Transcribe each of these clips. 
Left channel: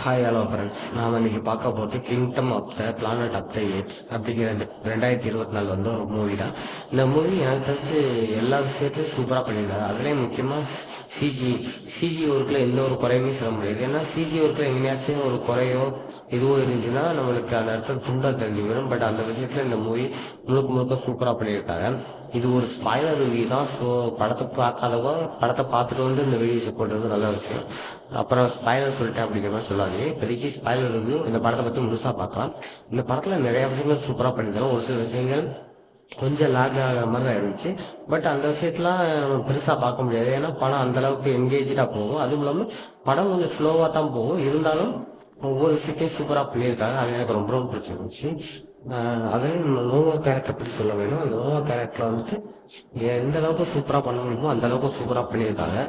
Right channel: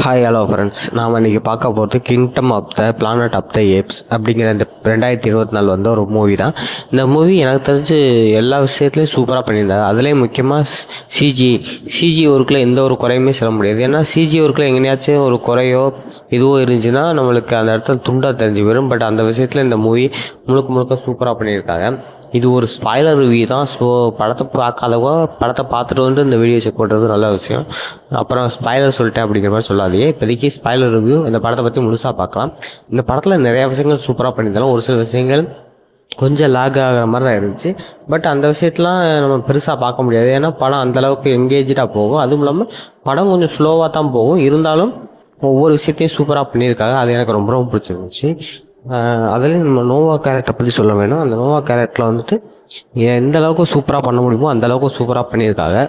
Hi hello friends. நாம் இன்றைக்கி பார்க்க போகிறது kingdom of the planet of the apes அப்படிங்கிற இந்த 2024 வந்து ஒரு மூவி தான். இந்த மூவி எனக்கு தெரிஞ்சு எல்லா விஷயத்துலையும் சூப்பராக பண்ணியிருந்தாங்க. அதுலேயும் முக்கியமாக சிஜி ஒர்க்கில் எந்த ஒரு குறையுமே சொல்ல முடியாது. ஏன்னா சிஜி ஒர்க்கில் எங்கேயாச்சும் ஒரு குறையோ இதுவோ இருந்துச்சுன்னா நம்மளுக்கு அந்த இடத்துல துண்டாக தெரிஞ்சு வரும். பட் அந்த விஷயத்தில் இந்த மூவி முழுக்க முழுக்க சூப்பராக பண்ணியிருக்காங்க. இது ஒரு ஸ்பாய்லர் ரிவ்யூ தான். ஸோ படத்தை பார்க்காதவோ படத்தை பார்த்துட்டு வந்து இந்த வீடியோ செக் பண்ணுறது நல்ல விஷயம். அப்புறம் ஸ்பாய்லர் சொல்லிட்டேன் அப்படிங்கிற மாதிரி சொல்லாதே. இப்போதைக்கு ஸ்பாய்லர் ரிவ்யூ இந்த படத்தை பற்றி முழுசாக பார்க்கலாம். இந்த படத்தில் நிறையா விஷயங்கள் சூப்பராக பண்ணியிருந்தாலும் ஒரு சில விஷயங்கள் கொஞ்சம் லேக் ஆகிற மாதிரி தான் இருந்துச்சு. பட் அந்த விஷயத்தெலாம் நம்ம பெருசாக பார்க்க முடியாது. ஏன்னா படம் அந்தளவுக்கு எங்கேஜாக போகும். அதுவும் இல்லாமல் படம் கொஞ்சம் ஸ்லோவாக தான் போகும். இருந்தாலும் ஒவ்வொரு விஷயத்தையும் சூப்பராக பண்ணியிருக்காங்க. அது எனக்கு ரொம்ப ரொம்ப பிடிச்சிருந்துச்சு. அதுலேயும் நம்ம நோவா கேரக்டரை பற்றி சொல்ல வேணும். அந்த நோவா கேரக்டரில் வந்துட்டு எந்த அளவுக்கு சூப்பராக பண்ண முடியுமோ அந்த அளவுக்கு சூப்பராக பண்ணியிருக்காங்க.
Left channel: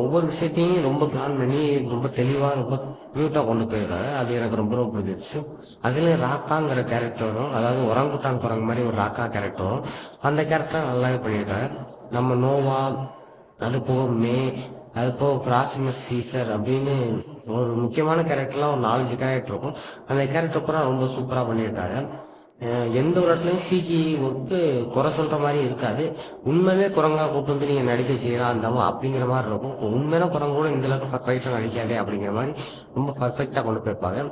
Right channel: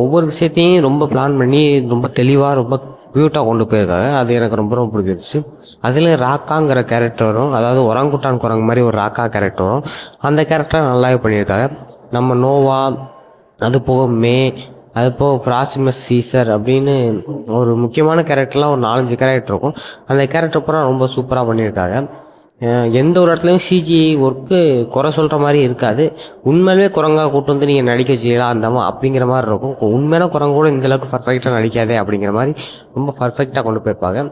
ஒவ்வொரு விஷயத்தையும் ரொம்ப பிளான் பண்ணி ரொம்ப தெளிவாக ரொம்ப க்யூட்டாக கொண்டு போயிருக்காங்க. அது எனக்கு ரொம்ப ரொம்ப பிடிச்சிருச்சு. அதுலேயும் ராக்காங்கிற கேரக்டர் வரும். அதாவது ஒரங்குட்டான் குரங்கு மாதிரி ஒரு ராக்கா கேரக்டர் வரும். அந்த கேரக்டரை நல்லாவே பண்ணியிருக்காங்க. நம்ம நோவா, அது போக அது போக பிராசிமஸ் சீசர் அப்படின்னு ஒரு முக்கியமான கேரக்டர்லாம் ஒரு 4-5 கேரக்டர் இருக்கும். அந்த கேரக்டர் பூரா ரொம்ப சூப்பராக பண்ணியிருக்காங்க. எந்த ஒரு இடத்துலையும் சிஜி ஒர்க்கு குறை சொல்கிற மாதிரி இருக்காது. உண்மையிலே குரங்கா கூட்டு வந்து நீங்கள் நடிக்க செய்யலாம் அந்தமா அப்படிங்கிற மாதிரி இருக்கும். உண்மையான குரங்கு கூட இந்தளவுக்கு பர்ஃபெக்டாக நடிக்காதே அப்படிங்கிற மாதிரி ரொம்ப பர்ஃபெக்டாக கொண்டு போயிருப்பாங்க.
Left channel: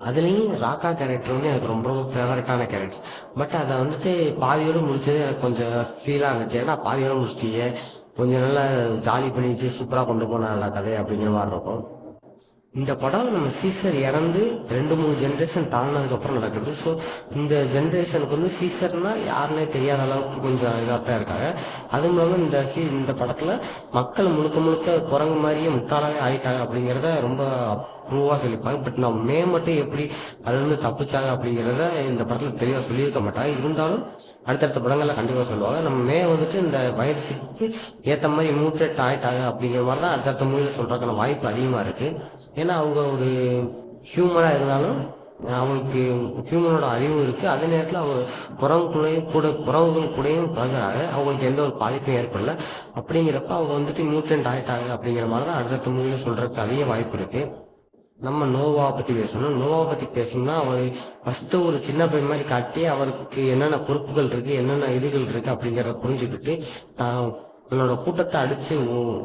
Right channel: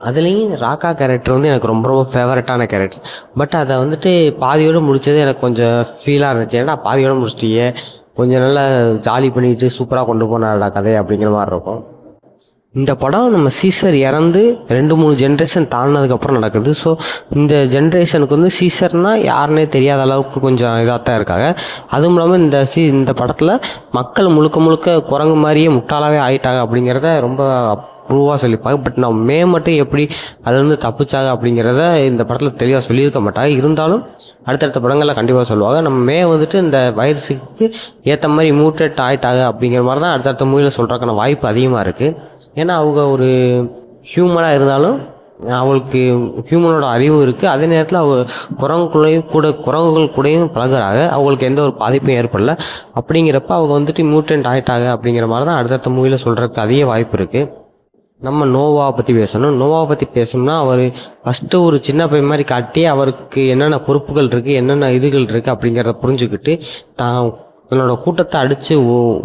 அதுலேயும் ராக்கா கேரக்டர் வந்து எனக்கு ரொம்ப ரொம்ப ஃபேவரட்டான கேரக்டர். பட் அதை வந்துட்டு பாதியோடு முடித்தது எனக்கு கொஞ்சம் ஃபீலாக இருந்துச்சு. ஏன்னா பாதியோடு முடிச்சிட்டியே, கொஞ்சம் நல்லா ஜாலி பண்ணிட்டு சூப்பராக கொண்டு போனாடா கதை அப்படிங்கிற மாதிரி இருக்கும். இந்த படம் நம்ம சீசர் இறந்து 2-3 ஜென்ரேஷன் தாண்டினதுக்கப்புறம் நடக்குது. ஸோ இந்த ஜென்ரேஷனுக்கு வந்து சீசர்னால் யாருன்னே தெரியாத அளவுக்கு கொஞ்சம் இதாக தான் இருக்காங்க. அதுவும் இல்லாமல் இந்த படத்தில் மக்கள் முழுக்க முழுக்க குரங்கு மாதிரியே முட்டாளாவே ஆயிட்டாங்க அப்படிங்கிறத ரொம்ப ப்ரூவாக சொல்லியிருப்பாங்க. பட் நம்ம மட்டும் எப்படி அதுலேருந்து தப்பிச்சாங்க அப்படிங்கிறத இந்த படத்தில் தெளிவாக சொல்லியிருக்க மாட்டாங்க. இருந்தாலும் அடுத்தடுத்த படங்களில் கண்டிப்பாக சொல்லுவாங்க. நம்ம வந்துட்டு இந்த வைரஸுக்கு ஏற்ற மாதிரி மியூட்டேட் ஆகிட்டாங்க அப்படிங்கிற மாதிரி தான் அடுத்தடுத்த மூவியில் சொல்கிறதுக்கான வாய்ப்பு அதிகமாக இருக்குது. ஏன்னா அவங்க ஒரு ஹியூமனாக இருந்தாலும் அவங்களுக்கு ஹியூமனோட அறிவு இருக்குது. அதே நேரத்தில் அவங்க குரங்குகள் கூடயும் பழகுறாங்க. அவங்களுக்கு எந்த ஒரு பாதிப்பும் ஏற்படல. அப்படிங்கிறப்ப அவங்க வந்துட்டு மியூட்டன்ட் ஆகிட்டாங்க அப்படிங்கிற மாதிரி தான் அடுத்தடுத்த மூவியில் சொல்கிறதுக்கு அதிக வாய்ப்பு இருக்குது. நம்ம நோவாவை பற்றி பேசணும். நோவாவை பற்றி பேசணும்னா அவர் ஃபஸ்ட்டு ஒரு சின்ன பையன் மாதிரி காட்டி அவருக்கு என்னென்ன பொறுப்புகள் இருக்குது, என்னென்ன இதுகள் இருக்குது அப்படிங்கிறத புரிஞ்சுக்கிட்டு தான் தன்னோட கூட்டத்தை அடித்து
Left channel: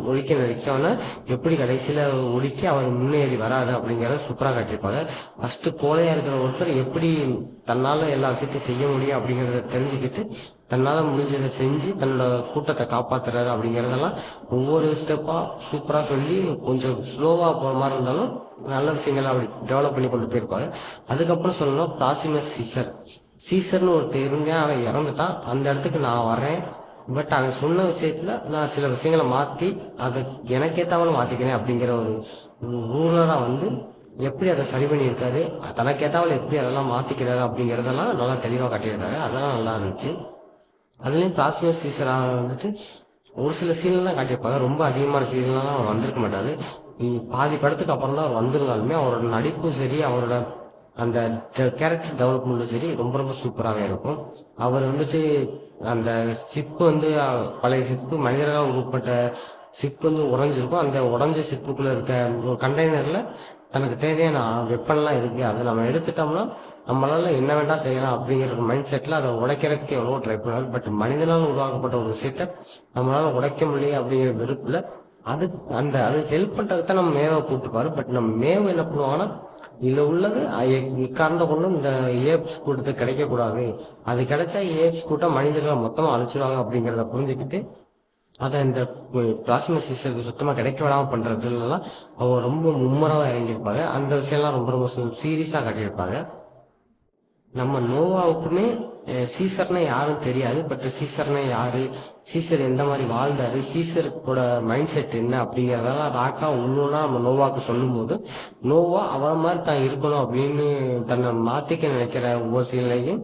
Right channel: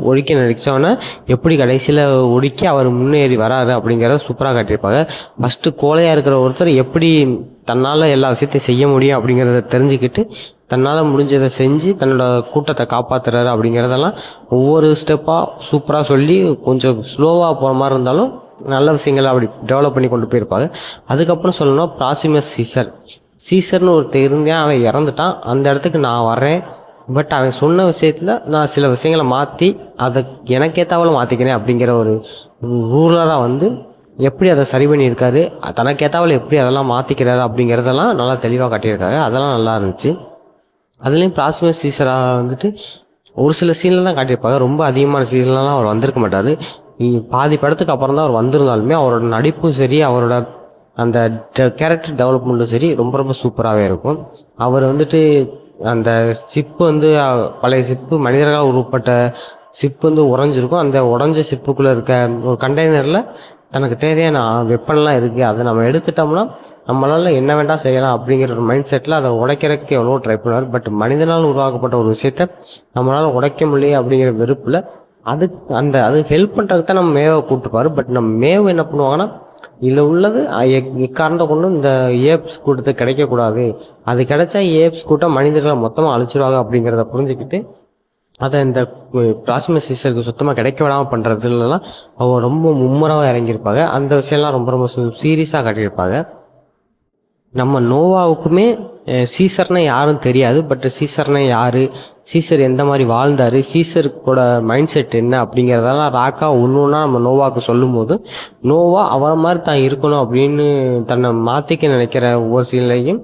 ஒழிக்க நினைச்சவொன்னே எப்படி கடைசியில் ஒடுக்கி அவர் முன்னேறி வராரு அப்படிங்கிறத சூப்பராக காட்டியிருப்பாங்க. ஃபஸ்ட்டு கோழையாக இருக்கிற ஒருத்தர் எப்படி தன்னால் எல்லா விஷயத்தையும் செய்ய முடியும் அப்படிங்கிறத தெரிஞ்சுக்கிட்டு தன்னால் முடிஞ்சதை செஞ்சு தன்னோட கூட்டத்தை காப்பாற்றுறாரு அப்படிங்கிறதெல்லாம் ஒவ்வொரு ஸ்டெப்பாக சூப்பராக சொல்லி கொஞ்சம் ஸ்லோவாக போகிற மாதிரி இருந்தாலும் நல்ல விஷயங்களை அப்படி டெவலப் பண்ணி கொண்டு போயிருப்பாங்க. அதுக்கப்புறம் சொல்லணும்னா பிராசிமஸ் சீசர்னு ஒருத்தர் இருந்தேன், அவன் இறந்துட்டான். அந்த இடத்துக்கு நான் வரேன். பட் அவன் சொன்ன விஷயத்தில் நான் சில விஷயங்களை மாற்றி அதை எனக்கேற்றாவில் மாற்றிக்கிறேன் அப்படிங்கிற ஒரு ரூலராக வந்து எப்படி அதை சரி பண்ணியிருக்காரு, தனக்கேற்றாவில் எப்படி அதெல்லாம் மாற்றிக்கிறாரு அப்படிங்கிறதெல்லாம் நல்லா தெளிவாக காட்டியிருக்காங்க. அதெல்லாம் நல்லா இருந்துச்சு. அதுலேயும் பிராசிமஸ் சீசராக வந்துட்டு ஒரு சில சீனில் தான் காட்டியிருப்பாங்க. ரொம்ப அதிகமான சீன்லாம் அவர் வந்திருக்க மாட்டார். பாதி படத்துக்கு அப்புறம் தான் அவர் வந்திருந்தாலுமே அவரோட நடிப்பும் சரி, அவரோட அந்த கேரக்டர் டெவலப்மெண்ட்டும் சரி ரொம்ப ரொம்ப சூப்பராகவே இருக்கும். அவர் வந்துட்டு அந்த சிப்பு வந்து பழைய சிப்பு மனிதர்களால் உருப்பட்ட சிப்பு வந்து உடஞ்சிருக்கும். அந்த உடஞ்ச சிப்புக்குள்ளே இருக்க ஒரு கண்டெய்னரில் தனக்கு தேவையான வெப்பன்லாம் இருக்குது. அதை நம்ம எடுத்துட்டோம்னா நம்மளால் என்ன வேண்டாம் செய்யலாம் அப்படிங்கிற ஒரு மைண்ட் செட்டில் அதை உடைக்கிறதுக்கு எவ்வளோ ட்ரை பண்ணுவார். பட் மனிதனால் உருவாக்கப்பட்ட ஒரு விஷயத்த நம்மளால் உடைக்க முடியல அப்படிங்கிற வெறுப்பில் அது ஹெல்ப் பண்ணுறதுக்கு தான் நம்ம மேவை கூப்பிட்டுப்பாரு. பட் நம்ம மேவு என்ன பண்ணுவாங்கன்னா, இதில் உள்ளது எக்காரணத்தை கொண்டு இந்த ஏப்ஸ் கூட்டத்துக்கு கிடைக்கக்கூடாது, அது கிடைச்சா ஏப்ஸ் கூட்டம் மனிதர்களை மொத்தமாக அழிச்சிடுவாங்க அப்படிங்கிறத புரிஞ்சுக்கிட்டு அதை இந்த பிராசிமஸ் சீசருக்கு சுத்தமாக கிடைக்க விடாமல் பண்ணுறதுலாம் அவங்க ரொம்ப மும்முரமாக இறங்கியிருப்பாங்க. அந்த விஷயம்லாம் ரொம்ப ரொம்ப சீரியஸாக காட்டியிருப்பாங்க. நம்ம நோவாவுக்குமே சீசர்னா யாரும் தெரியாது. பட் சீசர்னா யார், சீசர் எந்த மாதிரி வாழ்ந்தார், சீசருக்கோட மைண்ட் செட் என்ன அப்படிங்கிறதெல்லாம் ராக்கா ஒன்று ஒன்றா நம்ம நோவாவுக்கு சொல்லும் போது நோவா அவரை மாதிரி தான் இருக்கணும் அப்படின்னு தன்னை மாற்றிக்க நினைக்கிற ஒவ்வொரு சீலையும்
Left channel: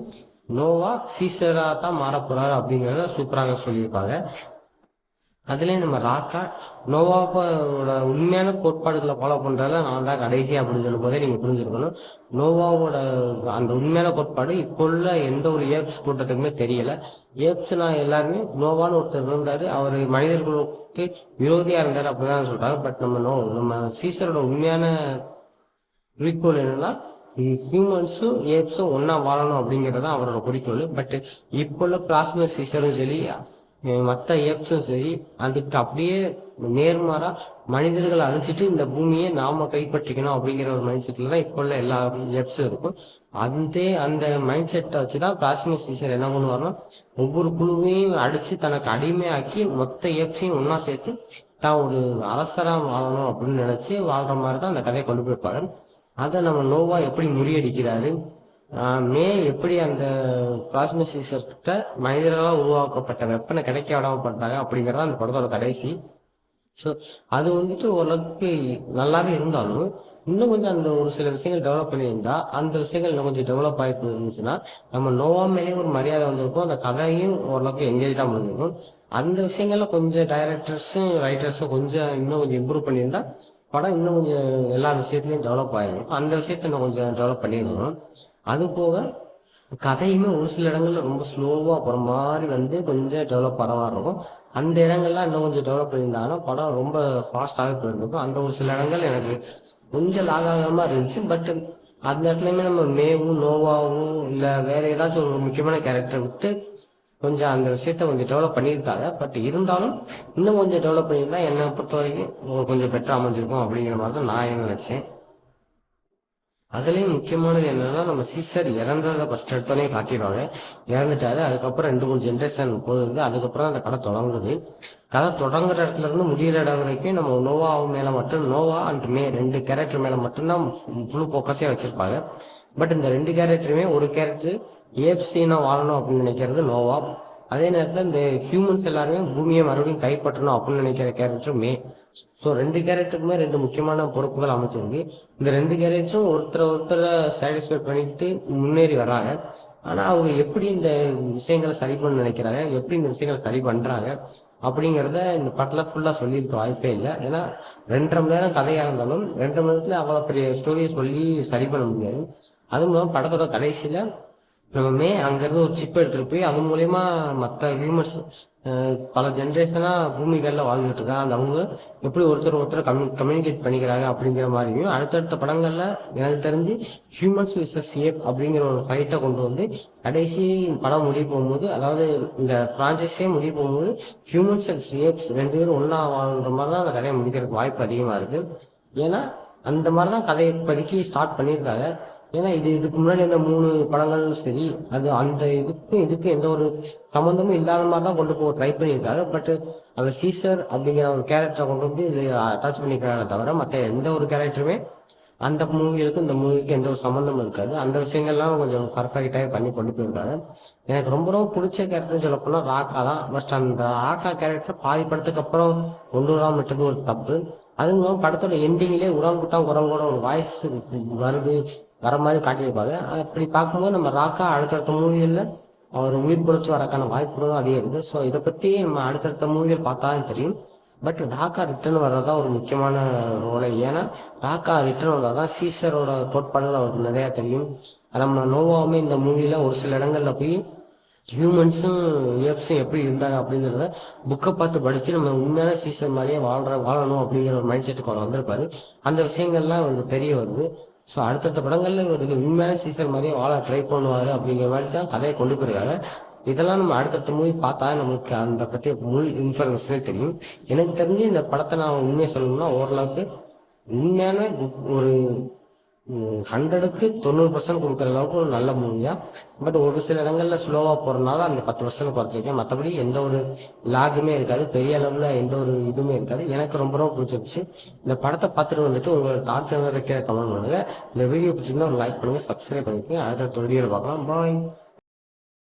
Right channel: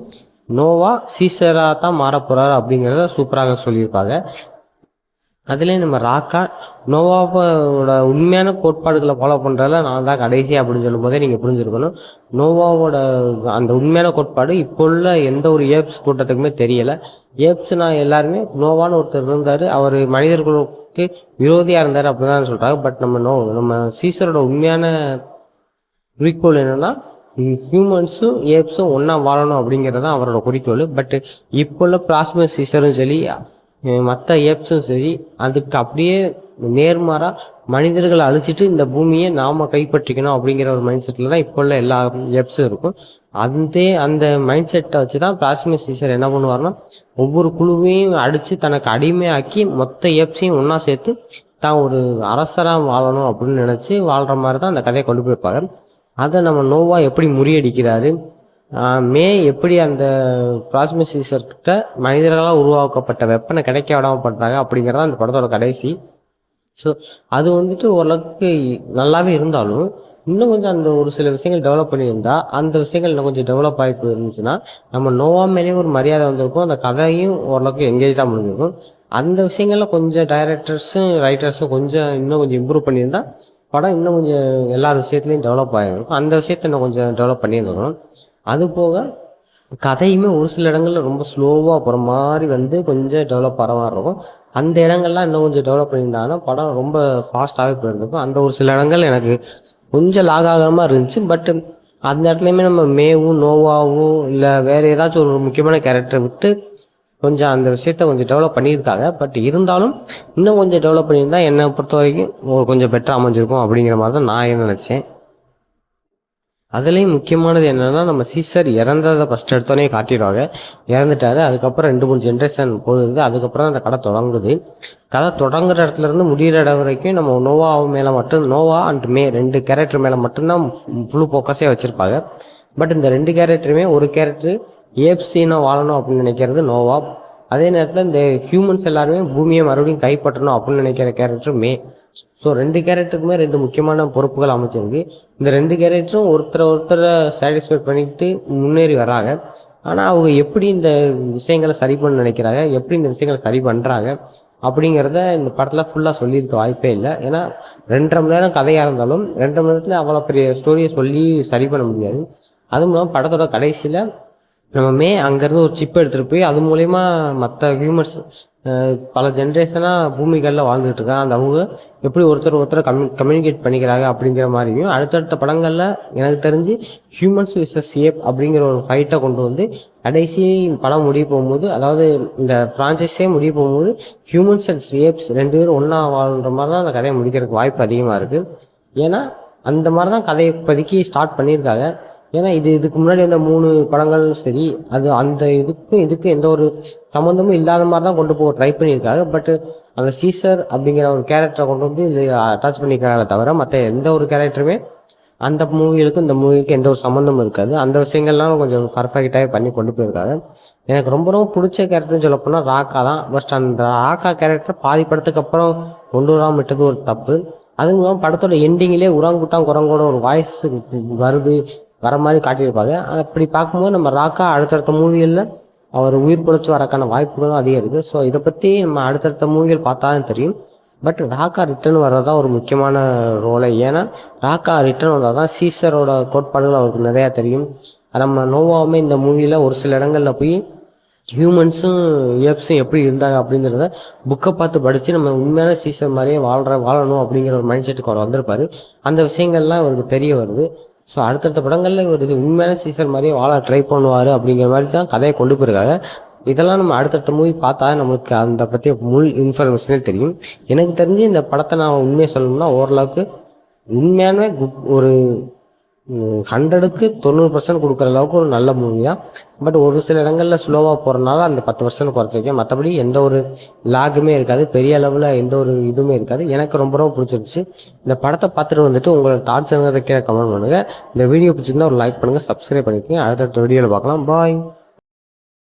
நோவா சீசராக தான் மாறப்போகிறார் அப்படிங்கிறத சூப்பராக சொல்லியிருப்பாங்க. அதுலேயும் நம்ம ராக்கா நோவாவோட உண்மையான கோட்பாடுகளை ஃபாலோ பண்ணுறதுல நான் தான் கடைசி அப்படின்னு சொல்லும் போதே நீங்கள் புரிஞ்சுருக்கணும். நோவாவோட அந்த உண்மையான கோட்பாடு இப்போ உள்ள எந்த ஒரு ஏப்ஸ் கூட்டத்துக்குமே தெரியலை. ஏப்ஸ்னால் எல்லாருமே நோவான்னு ஒருத்தர் இருந்தார், அவர் மனிதர்களுக்கு விரோதியாக இருந்தார் அப்படி தான் சொல்கிறாங்க. பட் நம்ம சீசரோட உண்மையான குறிக்கோள் என்னென்னா ஹியூமன்ஸும் ஏப்ஸும் ஒன்றா வாழணும் அப்படிங்கிறது தான் அவரோட குறிக்கோள். பட்டு இப்போ உள்ள பிளாஸ்மா சீசரும் சரி, மற்ற ஏப்ஸும் சரி, அதுக்கு அப்படியே நேர்மாறாக மனிதர்களை அழிச்சிட்டு இந்த பூமியை நாம் கைப்பற்றிக்கணும் அப்படிங்கிற ஒரு மைண்ட் செட்டில் தான் இப்போ உள்ள எல்லா ஏப்ஸும் இருக்கும். அந்த மைண்ட் செட்டை வச்சு தான் பிளாஸ்மா சீசர் என்ன பண்ணுவார்னா, ஒவ்வொரு குழுவையும் அடித்து தனக்கு அடிமையாக்கி மொத்த ஏப்ஸையும் ஒன்றா சேர்த்து தான் ஒரு அரசராக வாழணும் அப்படின்னு நினச்சி வாழ்கிற மாதிரி தான் அந்த கதையை கொண்டு போயிருப்பாங்க. அதை நம்ம நோவா எப்படி முறியடிக்கிறாரு, மே எப்படி அந்த பிளாஸ்மா சீசர்கிட்ட மனிதர்களால் உருவாக்கப்பட்ட வெப்பனை கிடைக்க விடாமல் பண்ணுறாங்க அப்படிங்கிறதான் அந்த படத்தோட கடைசி. ஸோ அது வந்துட்டு ஓரளவுக்கு நல்லாவே இருந்தாலும், இன்னும் கொஞ்சம் அந்த ஒரு சில விஷயங்கள் டெவலப் பண்ணியிருந்தா, அந்த விஷயங்கள் இன்னும் கொஞ்சம் டெவலப் ஆகி போயிருந்துச்சுன்னா, நம்ம நோவா மேலேயே ஒரு மரியாதை வந்திருக்கும். அந்த கதையும் ஓரளவுக்கு எங்கேஜாக முடிஞ்சிருக்கும். அந்த விஷயங்கள்ல கொஞ்சம் டைரக்டர்ஸும் ரைட்டர்ஸும் கொஞ்சம் இன்னும் கொஞ்சம் இம்ப்ரூவ் பண்ணியிருந்தா, படம் இன்னும் கொஞ்சம் எல்லா விஷயத்துலையும் டெவலப் ஆகிருக்கும். அந்த விஷயத்த இன்னும் கொஞ்சம் டெவலப் பண்ணியிருக்கணும். அது போக கதையுமே ஒரு சில இடங்கள்ல ரொம்ப ஸ்லோவாக போகிற மாதிரி வந்து கொஞ்சம் டெவலப் ஆகிற மாதிரி இருக்கும். அந்த இடங்கள்லாம் இன்னும் கொஞ்சம் டெவலப் பண்ணியிருந்தாங்கன்னா படம் ரொம்ப ஃபாஸ்ட்டாகவே போயிருக்கும். அந்த ஒரு சில இடங்கள் எனக்கு கொஞ்சம் லாக் ஆகிற மாதிரி இருந்துச்சு. பட் அந்த இடத்துலையுமே நம்ம மேவும் நோவாவும் இல்லை வேறு ஏதாச்சும் ஒரு முக்கியமான கேரக்டரை விட்டு கொஞ்சம் அந்த விஷயத்த கொஞ்சம் டெவலப் பண்ணியிருக்காங்க. பட் இருந்தாலும் இன்னும் கொஞ்சம் டெவலப் பண்ணியிருந்தா என்னை பொறுத்த வரைக்கும் கொஞ்சம் பெட்டராக அமைஞ்சிருக்கும் அப்படிங்கிற மாதிரி தான் நான் நினச்சேன். அதுலேயும் முக்கியமானது என்னென்னா, நம்ம சீசர் இறந்ததை ஃபஸ்ட் எடுத்தோடனே காட்டிடுவாங்க. இறந்துட்டாரு. அதுக்கப்புறம் 2-3 ஜென்ரேஷன் போகுது. அதுக்கப்புறம் அந்த கதை தொடங்குது. கதை தொடங்குற இடத்துலேருந்து முடிகிற இடம் வரைக்கும் நம்ம நோவா மேலே மட்டும், நோவா அண்ட் மே 2 கேரக்டர் மேலே மட்டும்தான் ஃபுல் ஃபோக்கஸே வச்சுருப்பாங்க. பட் இந்த 2 கேரக்டருமே, ஒரு கேரக்டர் ஏப்சினா வாழணும் அப்படின்னு நினைக்கிறது நோவா. அதே நேரத்தில் இந்த ஹியூமன்ஸ் எல்லாருமே பூமியை மறுபடியும் கைப்பற்றணும் அப்படின்னு நினைக்கிற கேரக்டர் மே. ஸோ 2 கேரக்டருக்குமே 2 முக்கியமான பொறுப்புகள் அமைச்சிருக்கு. இந்த 2 கேரக்டரும் ஒருத்தரை சாட்டிஸ்ஃபை பண்ணிட்டு முன்னேறி வராங்க. ஆனால் அவங்க எப்படி இந்த விஷயங்களை சரி பண்ண நினைக்கிறாங்க, எப்படி இந்த விஷயங்களை சரி பண்ணுறாங்க அப்படிங்கிறத இந்த படத்தில் ஃபுல்லாக சொல்லியிருக்க வாய்ப்பே இல்லை. ஏன்னா 2.5 மணி நேரம் கதையாக இருந்தாலும் 2.5 மணி நேரத்தில் அவ்வளோ பெரிய ஸ்டோரியை சொல்லி சரி பண்ண முடியாது. அதுவும் இல்லாமல் படத்தோட கடைசியில் நம்ம அங்கேருந்து ஒரு சிப் எடுத்துகிட்டு போய் அது மூலயமா மற்ற ஹியூமன்ஸ் பல ஜென்ரேஷனாக பூமிகளில் வாழ்ந்துட்டு இருக்காங்க. அந்த அவங்க எப்படி ஒருத்தர் கம்யூனிகேட் பண்ணிக்கிறாங்க அப்படிங்கிற மாதிரியும், அடுத்தடுத்த படங்களில் எனக்கு தெரிஞ்சு ஹியூமன்ஸ் விசஸ் ஏப் அப்படிங்கிற ஒரு ஃபைட்டை கொண்டு வந்து கடைசி படம் முடிய போகும்போது, அதாவது இந்த ஃப்ரான்ச்சைஸே முடிய போகும்போது ஹியூமன்ஸ் அண்ட் ஏப்ஸ் 2 பேரும் ஒன்றா வாழ்கிற மாதிரி தான் அந்த கதையை முடிக்கிறதுக்கு வாய்ப்பு அதிகமாக இருக்குது. ஏன்னா அந்த மாதிரி தான் கதையை இப்போதைக்கு ஸ்டார்ட் பண்ணியிருக்காங்க. ஏன்னா இதுக்கு முன்னாடி அந்த 3 படங்களும் சரி, அது அந்த இதுக்கும் எந்த ஒரு சம்மந்தமும் இல்லாத மாதிரி தான் கொண்டு போக ட்ரை பண்ணியிருக்காங்க. பட் அந்த சீசர் அப்படிங்கிற ஒரு கேரக்டரை கொண்டு வந்து இது அட்டாச் பண்ணிக்கிறாங்களே தவிர, மற்ற எந்த ஒரு கேரக்டருமே அந்த மூவிகளுக்கும் இந்த மூவிக்கு எந்த ஒரு சம்மந்தமும் இருக்காது. அந்த விஷயங்கள்லாம் கொஞ்சம் பர்ஃபெக்டாகவே பண்ணி கொண்டு போயிருக்காங்க. எனக்கு ரொம்ப ரொம்ப பிடிச்ச கேரக்டர்னு சொல்லப்போனால் ராக்கா தான். பட் அந்த ராக்கா கேரக்டர் பாதி படத்துக்கு அப்புறம் கொண்டு வராமல் விட்டது ஒரு தப்பு. அதுவும் இல்லாமல் படத்தோட எண்டிங்கிலே உராங்குட்டான் குரங்கோட ஒரு வாய்ஸ் வர மாதிரி காட்டியிருப்பாங்க. அப்படி பார்க்கும்போது நம்ம ராக்கா அடுத்தடுத்த மூவிகளில் அவர் உயிர் பிழைச்சி வரக்கான வாய்ப்புகளும் அதிகம் இருக்குது. ஸோ இதை பற்றி நம்ம அடுத்தடுத்த மூவிகள் பார்த்தா தான் தெரியும். பட் ராக்கா ரிட்டர்ன் வர்றதான் ஒரு முக்கியமான ரோலை. ஏன்னா ராக்கா ரிட்டர்ன் வந்தால் தான் சீசரோட கோட்பாடுகள் அவருக்கு நிறையா தெரியும். நம்ம நோவாவுமே இந்த மூவியில் ஒரு சில இடங்களில் போய் ஹியூமன்ஸும் ஏப்ஸும் எப்படி இருந்தாங்க அப்படிங்கிறத புக்கை பார்த்து படித்து நம்ம உண்மையான சீசர் மாதிரியே வாழணும் அப்படிங்கிற ஒரு மைண்ட் செட்டுக்கு அவர் வந்திருப்பார். அந்த விஷயங்கள்லாம் அவருக்கு தெரிய வருது. ஸோ அடுத்தடுத்த படங்களில் இவர் உண்மையான சீசர் மாதிரியே வாழ ட்ரை பண்ணுவார் அப்படிங்கிற மாதிரி தான் கதையை கொண்டு போயிருக்காங்க. இதெல்லாம் நம்ம அடுத்தடுத்த மூவி பார்த்தா நம்மளுக்கு அந்த பற்றி முழு இன்ஃபர்மேஷனே தெரியும். எனக்கு தெரிஞ்சு இந்த படத்தை நான் உண்மையை சொல்லணும்னா ஓரளவுக்கு உண்மையான ஒரு 100க்கு 90% கொடுக்குற அளவுக்கு ஒரு நல்ல மூவி தான். பட் ஒரு சில இடங்களில் ஸ்லோவாக போகிறனால அந்த 10% குறைச்சிருக்கேன். மற்றபடி எந்த ஒரு லாகுமே இருக்காது, பெரிய அளவில் எந்த ஒரு இதுவுமே இருக்காது. எனக்கு ரொம்ப ரொம்ப பிடிச்சிருச்சு. இந்த படத்தை பார்த்துட்டு வந்துட்டு உங்களோட தாட்ஸ் என்ன கமெண்ட் பண்ணுங்கள். இந்த வீடியோ பிடிச்சிருந்தா ஒரு லைக் பண்ணுங்கள், சப்ஸ்கிரைப் பண்ணிக்கோங்க. அடுத்தடுத்த வீடியோவில் பார்க்கலாம். பாய்.